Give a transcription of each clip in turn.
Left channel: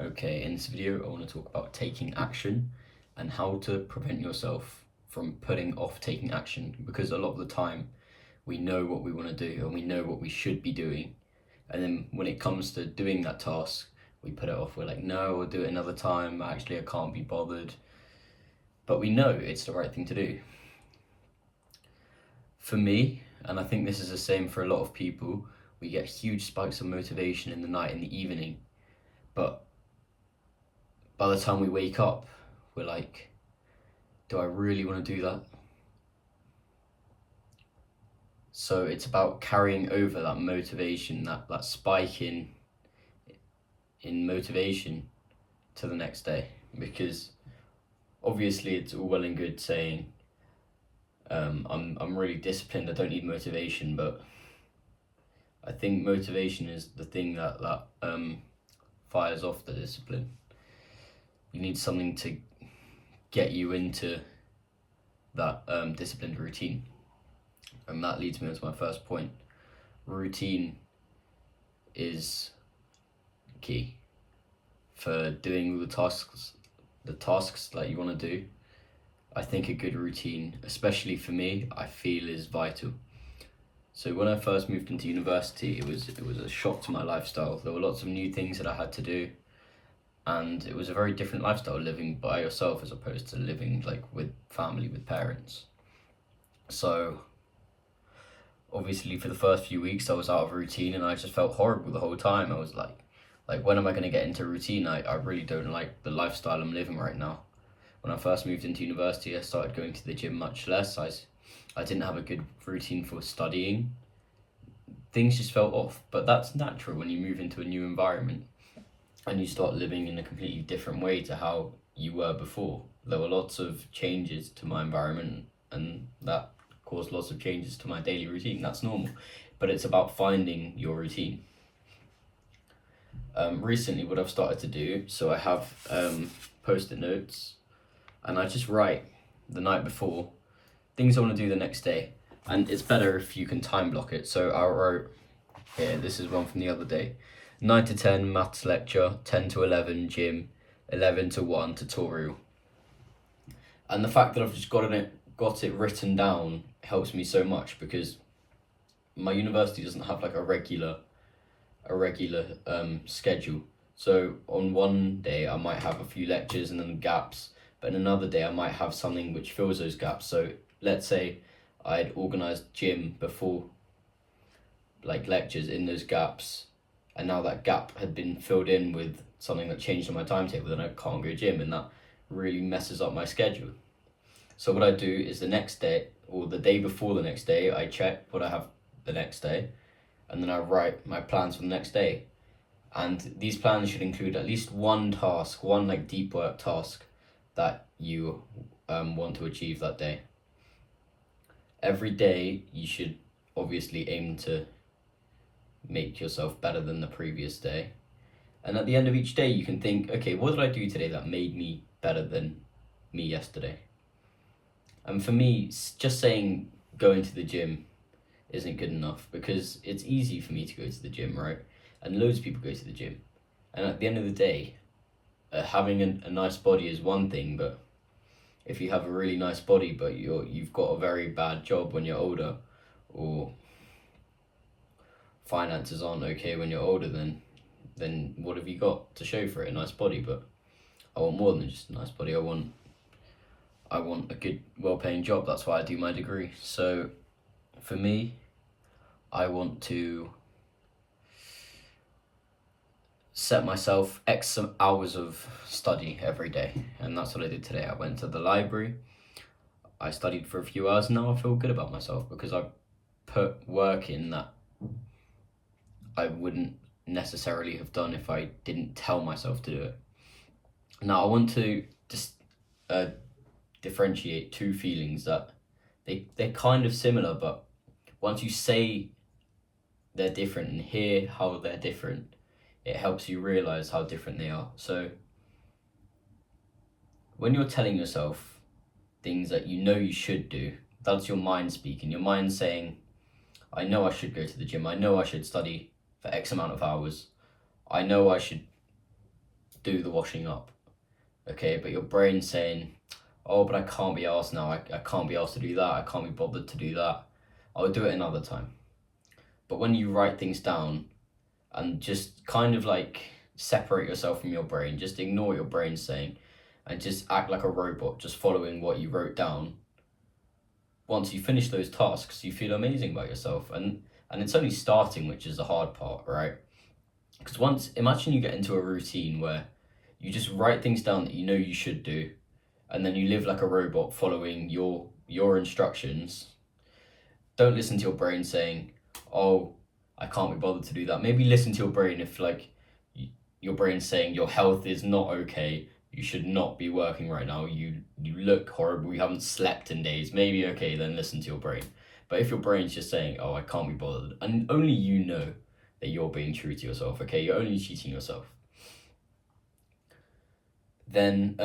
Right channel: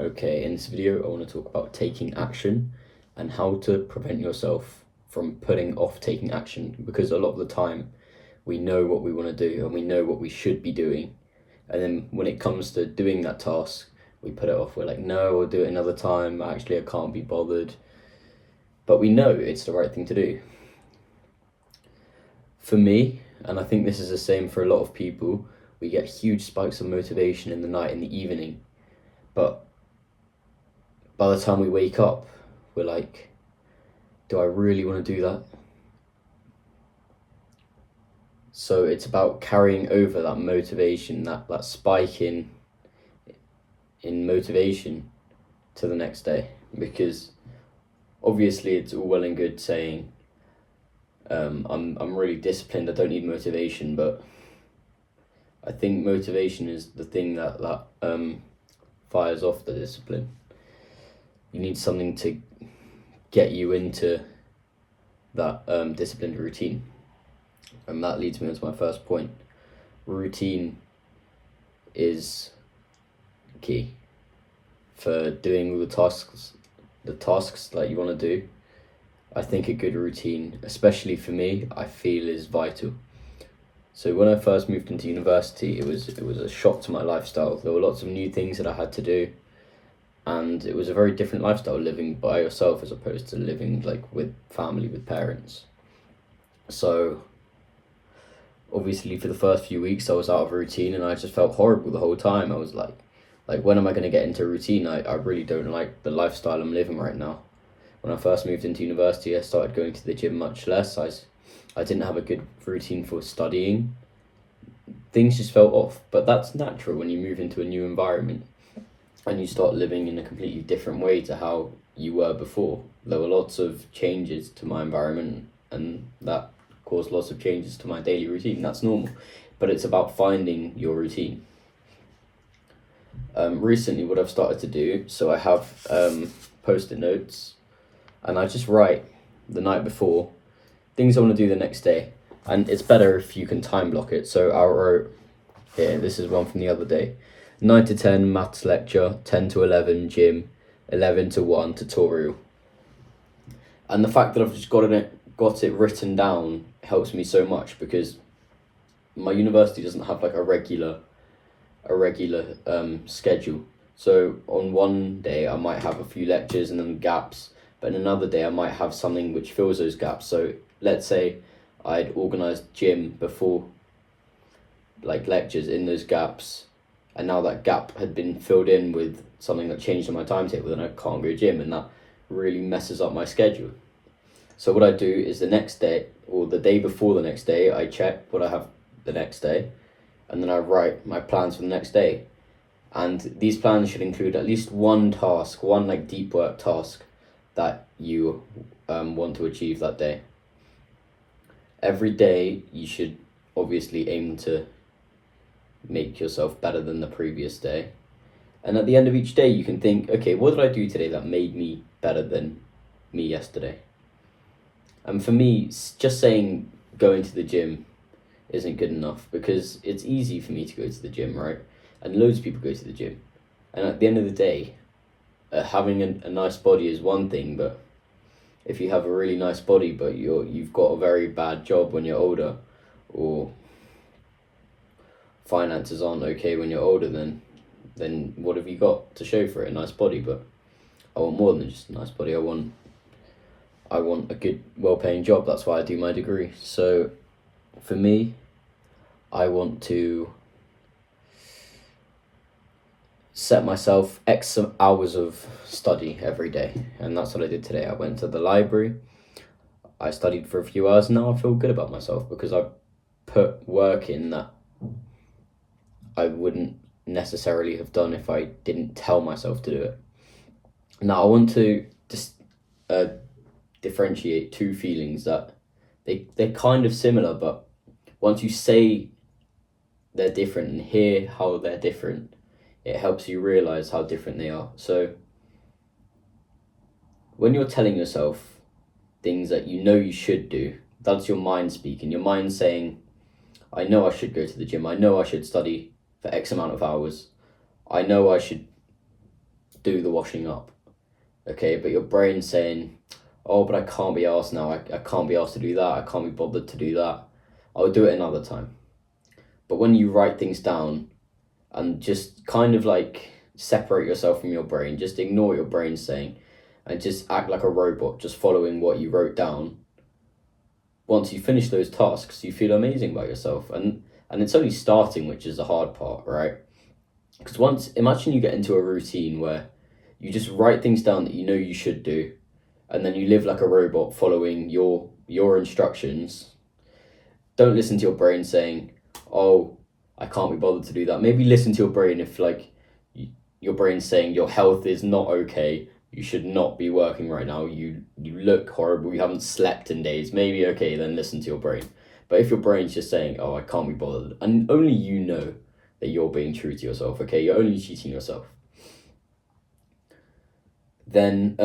Okay, in this video, I want to talk about taking action and how to prevent yourself from putting off taking action, because a lot of the time we know what we want to do and we know what we should be doing. And then when it comes to doing that task, we put it off. We're like, no, I'll do it another time. Actually, I can't be bothered. But we know it's the right thing to do. For me, and I think this is the same for a lot of people, we get huge spikes of motivation in the night, in the evening. But by the time we wake up, we're like, do I really want to do that? So it's about carrying over that motivation, that spike in motivation to the next day. Because obviously it's all well and good saying, I'm really disciplined, I don't need motivation, but I think motivation is the thing that fires off the discipline. You need something to get you into that disciplined routine. And that leads me on to my first point. Routine is key for doing the tasks that you want to do. I think a good routine, especially for me, I feel is vital. So when I first moved into university, it was a shock to my lifestyle. There were lots of new things that I had to do, and it was a very different lifestyle living by yourself as opposed to living like with family, with parents. So obviously for the first few weeks I was out of routine and I just felt horrible the whole time. I was like when am I going to get into routine? I really don't like the lifestyle I'm living right now. When I first moved into university, I started going to the gym much less. I didn't have a good routine for studying. Things just felt off, but that's natural when you move into a new environment and you start living in a completely different way to how you were before. There were lots of changes to my environment and that caused lots of changes to my daily routine. That's normal, but it's about finding your routine. Recently, what I've started to do, so I have post-it notes, and I just write the night before things I want to do the next day, and it's better if you can time block it. So I wrote here, this is one from the other day: 9 to 10 maths lecture, 10 to 11 gym, 11 to 1 tutorial. And the fact that I've just got it written down helps me so much, because my university doesn't have like a regular schedule. So on one day I might have a few lectures and then gaps, but in another day I might have something which fills those gaps. So let's say I'd organised gym before, like lectures in those gaps, and now that gap had been filled in with something that changed on my timetable, then I can't go gym, and that really messes up my schedule. So what I do is the next day, or the day before the next day, I check what I have the next day, and then I write my plans for the next day. And these plans should include at least one task, one like deep work task that you want to achieve that day. Every day you should obviously aim to make yourself better than the previous day. And at the end of each day you can think, okay, what did I do today that made me better than me yesterday? And for me, just saying going to the gym isn't good enough, because it's easy for me to go to the gym, right? And loads of people go to the gym. And at the end of the day, having a nice body is one thing, but if you have a really nice body but you've got a very bad job when you're older, or finances aren't okay when you're older, then what have you got to show for it? A nice body. But I want more than just a nice body. I want a good, well-paying job. That's why I do my degree. So for me, I want to set myself X hours of study every day, and that's what I did today. I went to the library, I studied for a few hours, and now I feel good about myself because I put work in that I wouldn't necessarily have done if I didn't tell myself to do it. Now I want to just differentiate two feelings that they're kind of similar, but once you say they're different and hear how they're different, it helps you realize how different they are. So when you're telling yourself things that you know you should do, that's your mind speaking. Your mind saying, I know I should go to the gym. I know I should study for X amount of hours. I know I should do the washing up, okay? But your brain's saying, oh, but I can't be asked now. I can't be asked to do that. I can't be bothered to do that. I'll do it another time. But when you write things down and just kind of like separate yourself from your brain, just ignore what your brain's saying and just act like a robot, just following what you wrote down. Once you finish those tasks, you feel amazing about yourself. And it's only starting, which is the hard part, right? Because imagine you get into a routine where you just write things down that you know you should do, and then you live like a robot following your instructions. Don't listen to your brain saying, oh, I can't be bothered to do that. Maybe listen to your brain if like your brain's saying your health is not okay, you should not be working right now, you look horrible, you haven't slept in days. Maybe, okay, then listen to your brain. But if your brain's just saying, oh, I can't be bothered, and only you know that you're being true to yourself, okay, you're only cheating yourself, then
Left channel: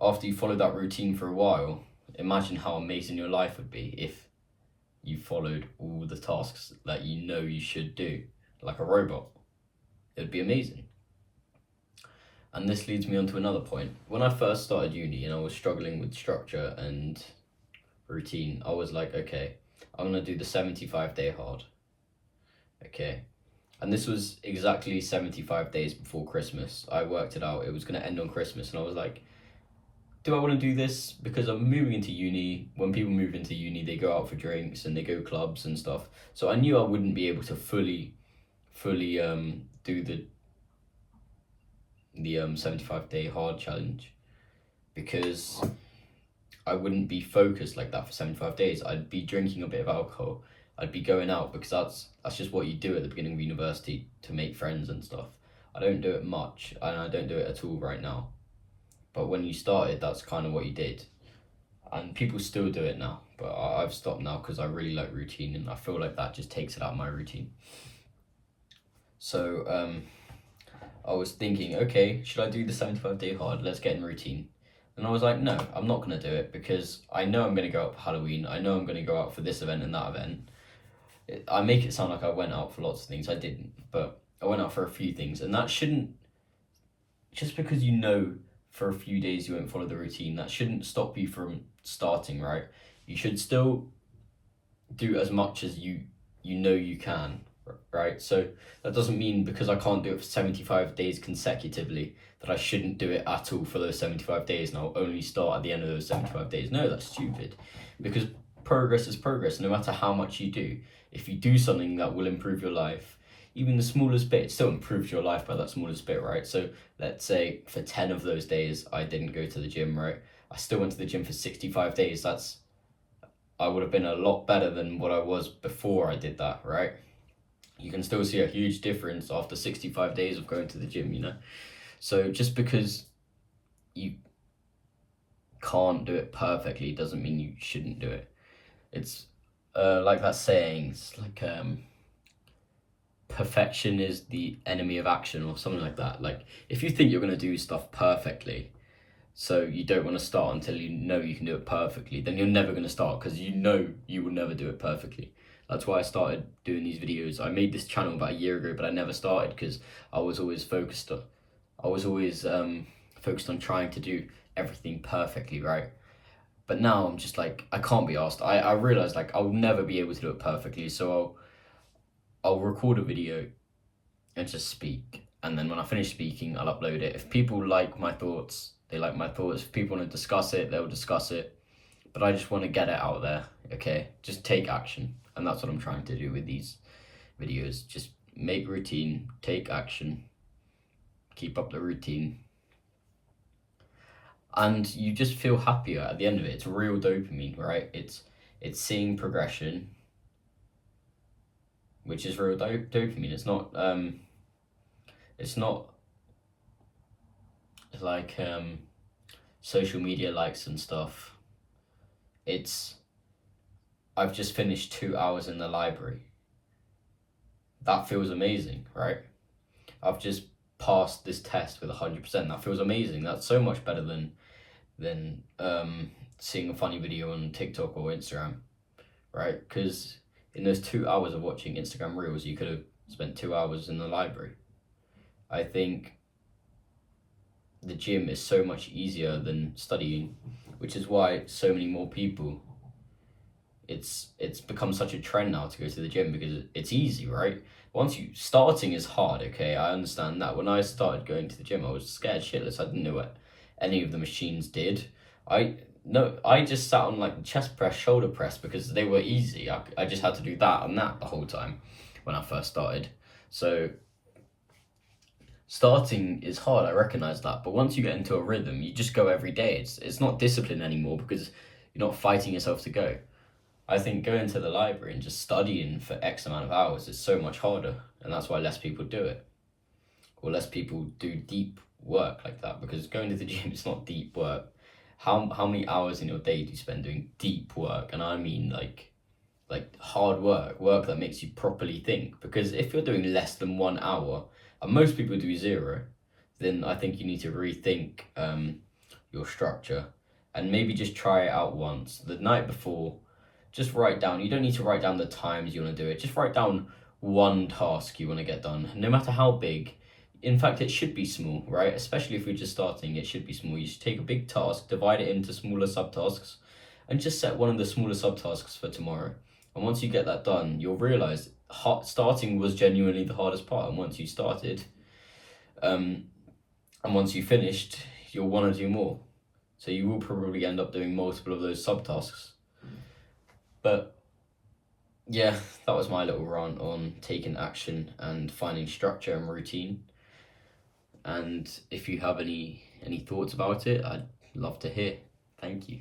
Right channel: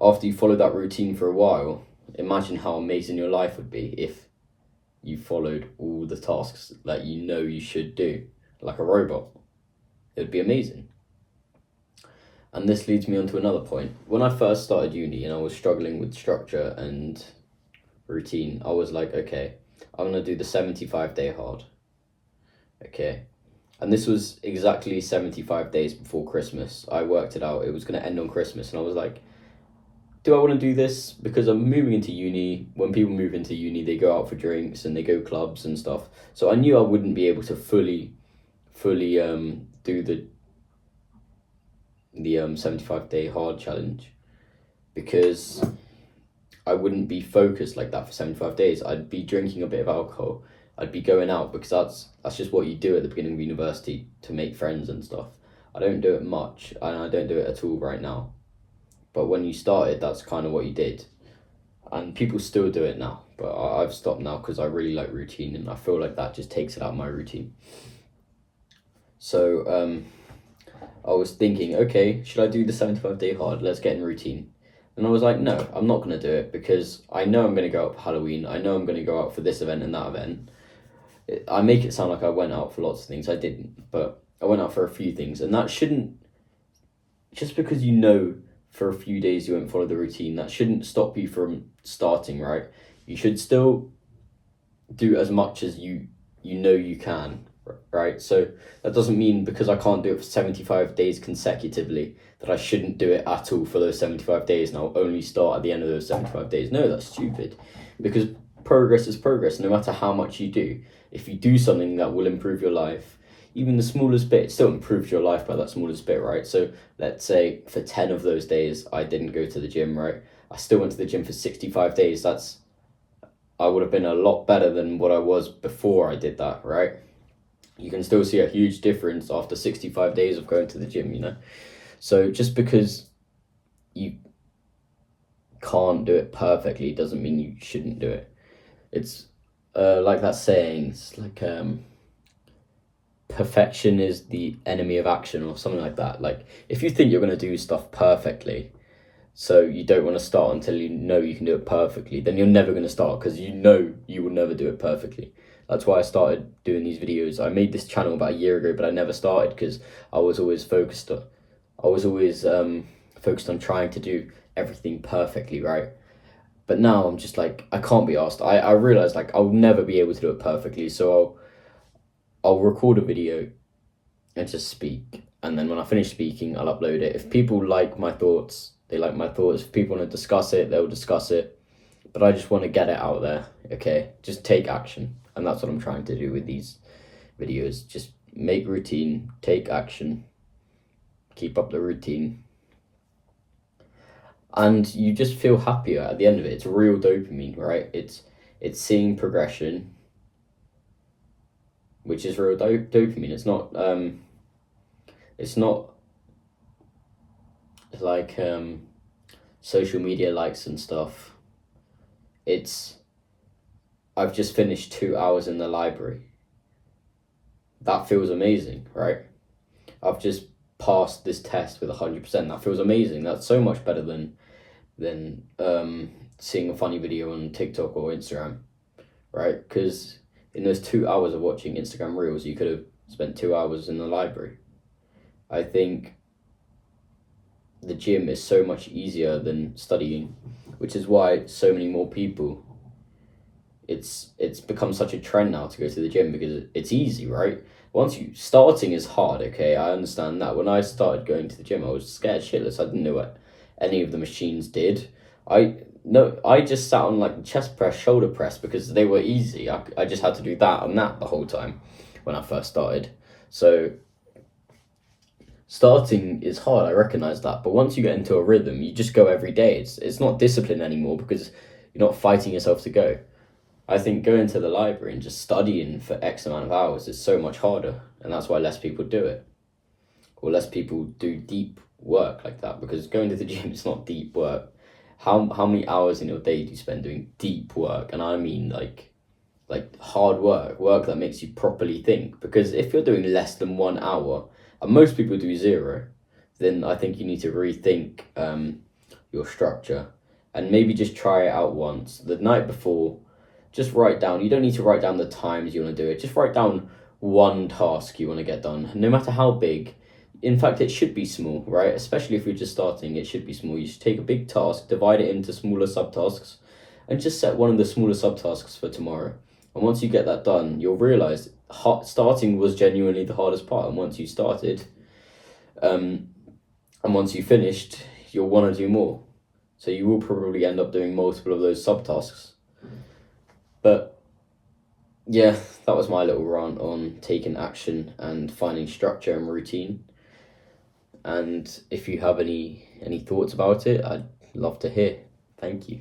after you follow that routine for a while, imagine how amazing your life would be if you followed all the tasks that you know you should do like a robot. It would be amazing. And this leads me on to another point. When I first started uni and I was struggling with structure and routine, I was like, okay, I'm going to do the 75-day hard. Okay. And this was exactly 75 days before Christmas. I worked it out. It was going to end on Christmas. And I was like, do I want to do this? Because I'm moving into uni. When people move into uni, they go out for drinks and they go clubs and stuff. So I knew I wouldn't be able to fully do the 75-day hard challenge, because I wouldn't be focused like that for 75 days. I'd be drinking a bit of alcohol. I'd be going out, because that's just what you do at the beginning of university to make friends and stuff. I don't do it much, and I don't do it at all right now. But when you started, that's kind of what you did. And people still do it now, but I've stopped now because I really like routine, and I feel like that just takes it out of my routine. So I was thinking, okay, should I do the 75-day hard? Let's get in routine. And I was like, no, I'm not going to do it, because I know I'm going to go out for Halloween. I know I'm going to go out for this event and that event. I make it sound like I went out for lots of things. I didn't, but I went out for a few things. And that shouldn't, just because you know for a few days you won't follow the routine, that shouldn't stop you from starting, right? You should still do as much as you know you can, right? So that doesn't mean because I can't do it for 75 days consecutively that I shouldn't do it at all for those 75 days and I'll only start at the end of those 75 days. No, that's stupid, because progress is progress. No matter how much you do, if you do something that will improve your life, even the smallest bit, it still improves your life by that smallest bit, right? So let's say for 10 of those days I didn't go to the gym, right? I still went to the gym for 65 days. I would have been a lot better than what I was before I did that, right? You can still see a huge difference after 65 days of going to the gym, you know? So just because you can't do it perfectly doesn't mean you shouldn't do it. It's like that saying, it's like perfection is the enemy of action, or something like that. Like, if you think you're going to do stuff perfectly, so you don't want to start until you know you can do it perfectly, then you're never going to start, because you know you will never do it perfectly. That's why I started doing these videos. I made this channel about a year ago, but I never started because I was always focused on trying to do everything perfectly, right? But now I'm just like, I can't be asked. I realize like I'll never be able to do it perfectly, so I'll record a video and just speak, and then when I finish speaking, I'll upload it. If people like my thoughts, they like my thoughts. If people want to discuss it, they'll discuss it. But I just want to get it out there, okay? Just take action. And that's what I'm trying to do with these videos. Just make routine, take action, keep up the routine. And you just feel happier at the end of it. It's real dopamine, right? It's seeing progression, which is real dopamine. It's not like social media likes and stuff. I've just finished 2 hours in the library. That feels amazing, right? I've just passed this test with 100%. That feels amazing. That's so much better than seeing a funny video on TikTok or Instagram, right? Because in those 2 hours of watching Instagram Reels, you could have spent 2 hours in the library. I think the gym is so much easier than studying, which is why so many more people, it's become such a trend now to go to the gym because it's easy, right? Once you starting is hard, okay, I understand that. When I started going to the gym, I was scared shitless. I didn't know what any of the machines did. I no, I just sat on like chest press, shoulder press because they were easy. I just had to do that and that the whole time when I first started. So starting is hard, I recognize that, but once you get into a rhythm, you just go every day. It's not discipline anymore because you're not fighting yourself to go. I think going to the library and just studying for X amount of hours is so much harder, and that's why less people do it, or less people do deep work like that. Because going to the gym is not deep work. How many hours in your day do you spend doing deep work? And I mean like hard work that makes you properly think. Because if you're doing less than 1 hour, and most people do zero, then I think you need to rethink your structure and maybe just try it out once the night before. Just write down. You don't need to write down the times you want to do it. Just write down one task you want to get done, no matter how big. In fact, it should be small, right? Especially if you're just starting, it should be small. You should take a big task, divide it into smaller subtasks, and just set one of the smaller subtasks for tomorrow. And once you get that done, you'll realize starting was genuinely the hardest part. And once you started, and once you finished, you'll want to do more. So you will probably end up doing multiple of those subtasks. But yeah, that was my little rant on taking action and finding structure and routine. And if you have any thoughts about it, I'd love to hear. Thank you.